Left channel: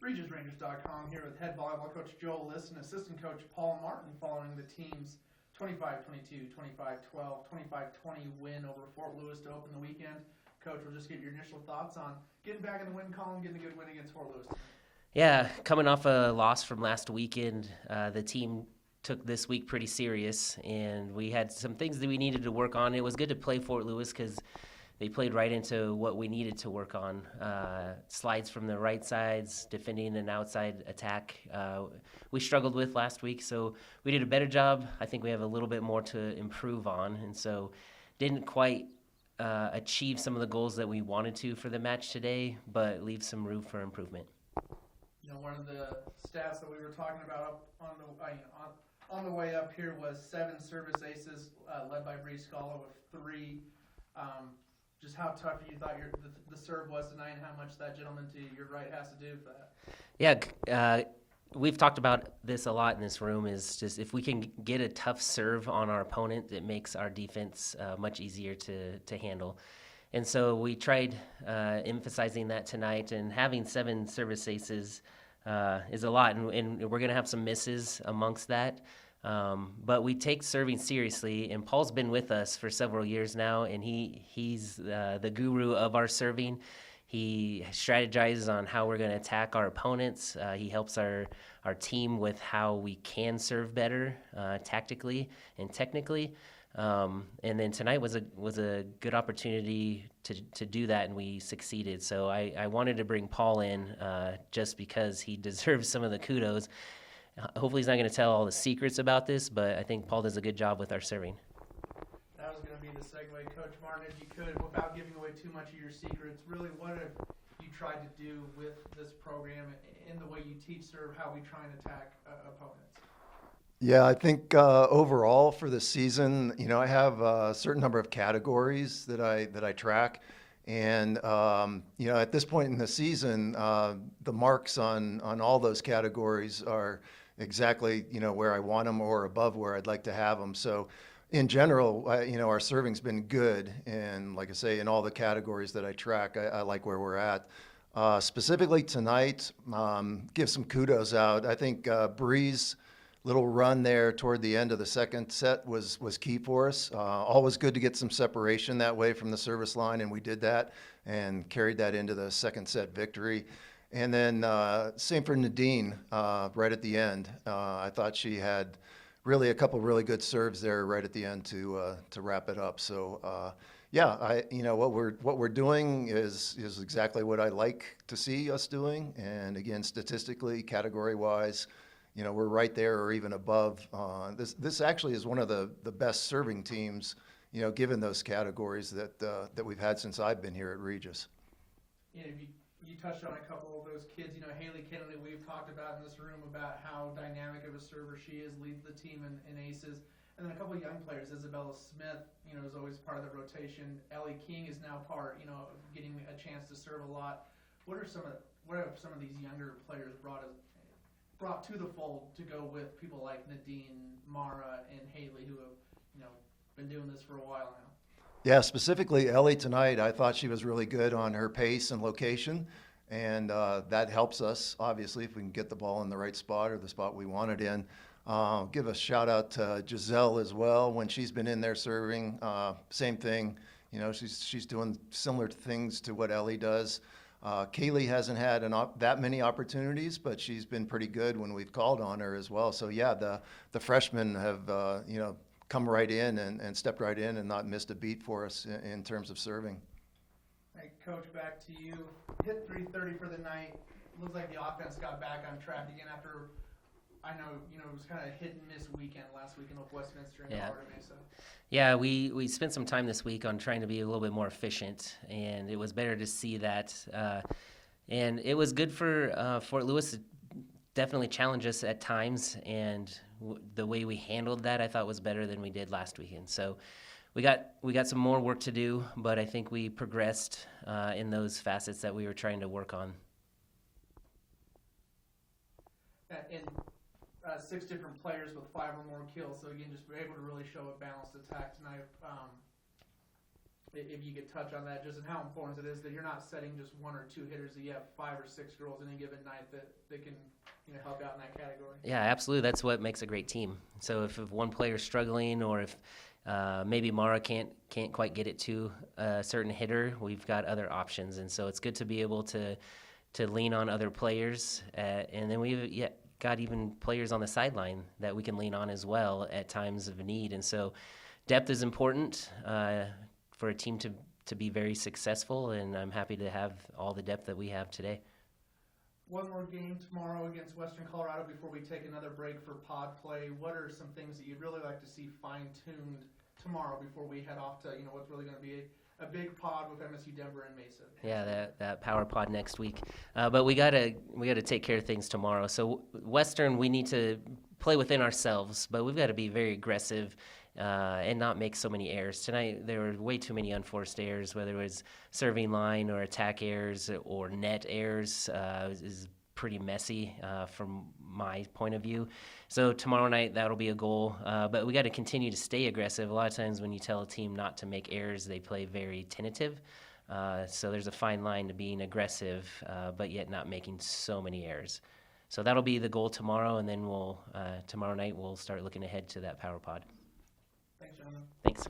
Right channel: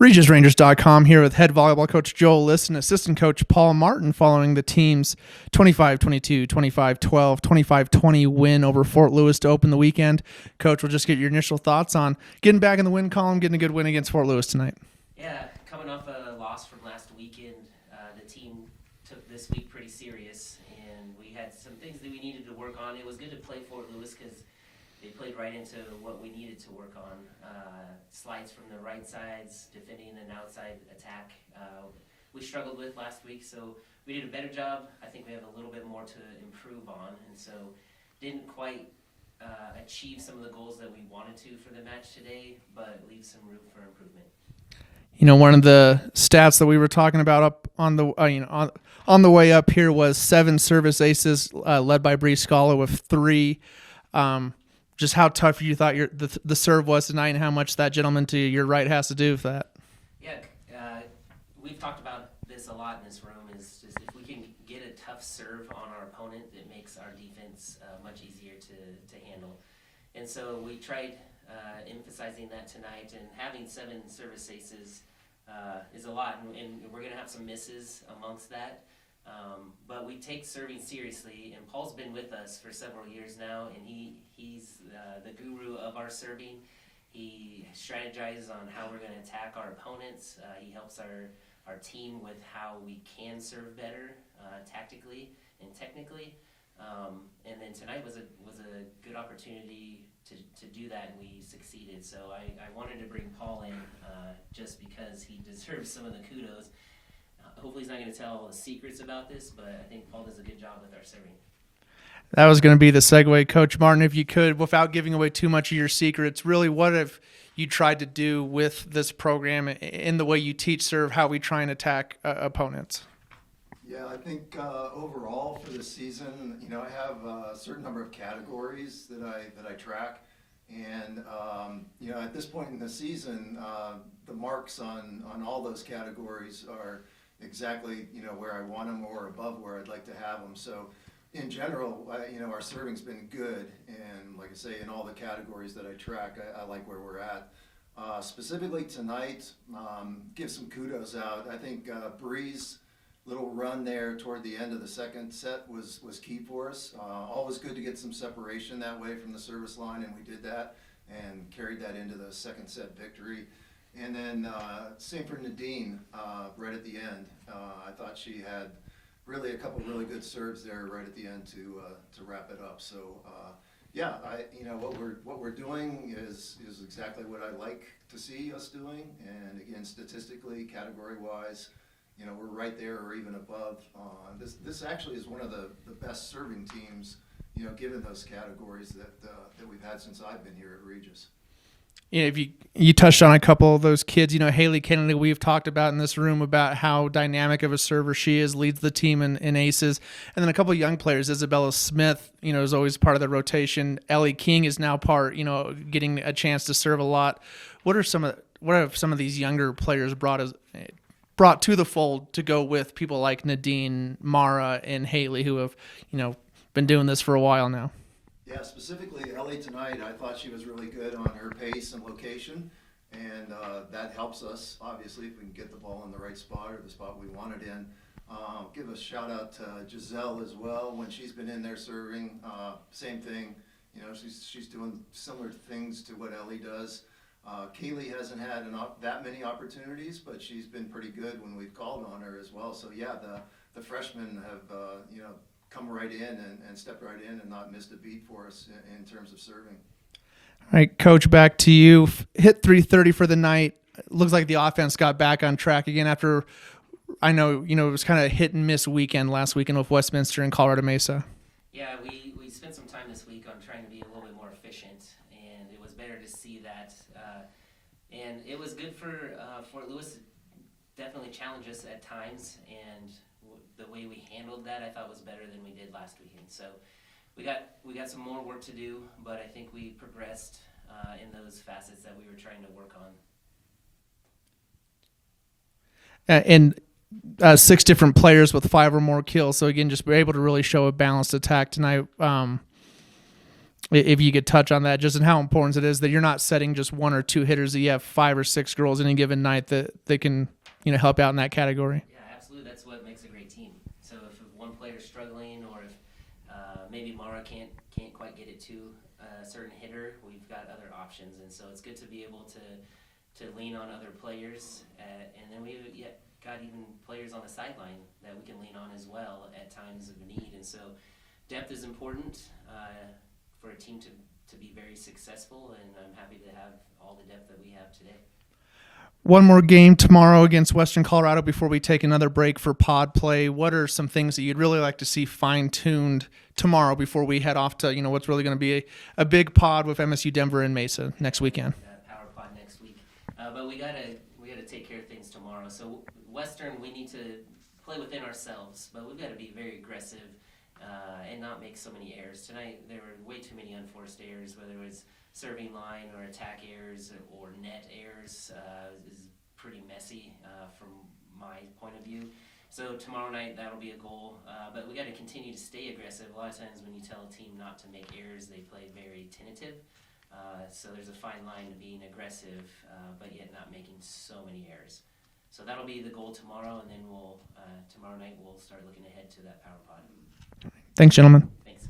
RegisRangers.com here with head volleyball coach Joel List and assistant coach Paul Martin following the team's 25-22, 25-12, 25-20 win over Fort Lewis to open the weekend. Coach, we'll just get your initial thoughts on getting back in the win column, getting a good win against Fort Lewis tonight. Yeah, coming off a loss from last weekend, the team took this week pretty serious, and we had some things that we needed to work on. It was good to play Fort Lewis because they played right into what we needed to work on. Slides from the right sides, defending an outside attack. We struggled with last week, so we did a better job. I think we have a little bit more to improve on, and so didn't quite achieve some of the goals that we wanted to for the match today, but leave some room for improvement. You know, one of the stats that we were talking about up on the on the way up here was 7 service aces, led by Bree Scala with 3. Just how tough you thought the serve was tonight, and how much that gentleman to your right has to do with that. Yeah, we've talked about this a lot in this room. Is just if we can get a tough serve on our opponent, it makes our defense much easier to handle. And so we tried emphasizing that tonight, and having 7 service aces is a lot, and we're going to have some misses amongst that. But we take serving seriously, and Paul's been with us for several years now, and he's the guru of our serving. He strategizes on how we're going to attack our opponents. He helps our team with how we can serve better tactically and technically. And then tonight was a good opportunity to do that, and we succeeded. So I wanted to bring Paul in just because he deserves some of the kudos. Hopefully he's not going to tell all the secrets about this, but I think Paul does a good job with our serving. That was going to be the segue, Coach Martin. If you could, without giving away too much of your secrets, really what have you tried to do with this program in the way you teach serve, how we try and attack opponents? Yeah, I think overall for the season, I have a certain number of categories that I track. And, at this point in the season, the marks on all those categories are exactly, where I want them or above where I'd like to have them. So in general, our serving's been good. And like I say, in all the categories that I track, I like where we're at. Specifically tonight, give some kudos out. I think Bree's little run there toward the end of the second set was key for us. Always good to get some separation that way from the service line, and we did that and carried that into the second set victory. And then same for Nadine right at the end. I thought she had really a couple really good serves there right at the end to wrap it up. So what we're doing is exactly what I like to see us doing. And again, statistically, category wise, we're right there or even above. This actually is one of the best serving teams, given those categories that we've had since I've been here at Regis. If you touched on a couple of those kids, Haley Kennedy, we've talked about in this room about how dynamic of a server she is, leads the team in aces. And then a couple of young players, Isabella Smith, is always part of the rotation. Ellie King is now part, getting a chance to serve a lot. What have some of these younger players brought to the fold to go with people like Nadine, Mara, and Haley, who have, been doing this for a while now? Yeah, specifically Ellie tonight, I thought she was really good on her pace and location, and that helps us, obviously, if we can get the ball in the right spot or the spot we want it in. Give a shout out to Giselle as well when she's been in there serving. Same thing, she's doing similar things to what Ellie does. Kaylee hasn't had that many opportunities, but she's been pretty good when we've called on her as well. So yeah, the freshmen have come right in and stepped right in and not missed a beat for us in terms of serving. All right, Coach, back to you. Hit 330 for the night. Looks like the offense got back on track again after, I know, it was kind of hit and miss weekend last weekend with Westminster and Colorado Mesa. Yeah, we spent some time this week on trying to be a little bit more efficient, and it was better to see that. And it was good for Fort Lewis to definitely challenge us at times, and the way we handled that I thought was better than we did last weekend. So we got some more work to do, but I think we progressed in those facets that we were trying to work on. And 6 different players with 5 or more kills. So again, just we're able to really show a balanced attack tonight. if you could touch on that, just and how important it is that you're not setting just one or two hitters, that you have 5 or 6 girls any given night that they can, help out in that category. Yeah, absolutely. That's what makes a great team. So if one player's struggling, or if maybe Mara can't quite get it to a certain hitter, we've got other options, and so it's good to be able to lean on other players, and then we've got even players on the sideline that we can lean on as well at times of need. And so depth is important for a team to be very successful, and I'm happy to have all the depth that we have today. One more game tomorrow against Western Colorado before we take another break for pod play. What are some things that you'd really like to see fine-tuned tomorrow before we head off to, what's really going to be a big pod with MSU Denver and Mesa next weekend? That power pod next week. But we gotta take care of things tomorrow. So Western, we need to play within ourselves, but we've got to be very aggressive and not make so many errors. Tonight there were way too many unforced errors, whether it was serving line or attack errors or net errors. Is pretty messy from my point of view. So tomorrow night, that'll be a goal. But we got to continue to stay aggressive. A lot of times when you tell a team not to make errors, they play very tentative. So there's a fine line to being aggressive, but yet not making so many errors. So that'll be the goal tomorrow, and then tomorrow night we'll start looking ahead to that power pod. Thanks, gentlemen. Thanks.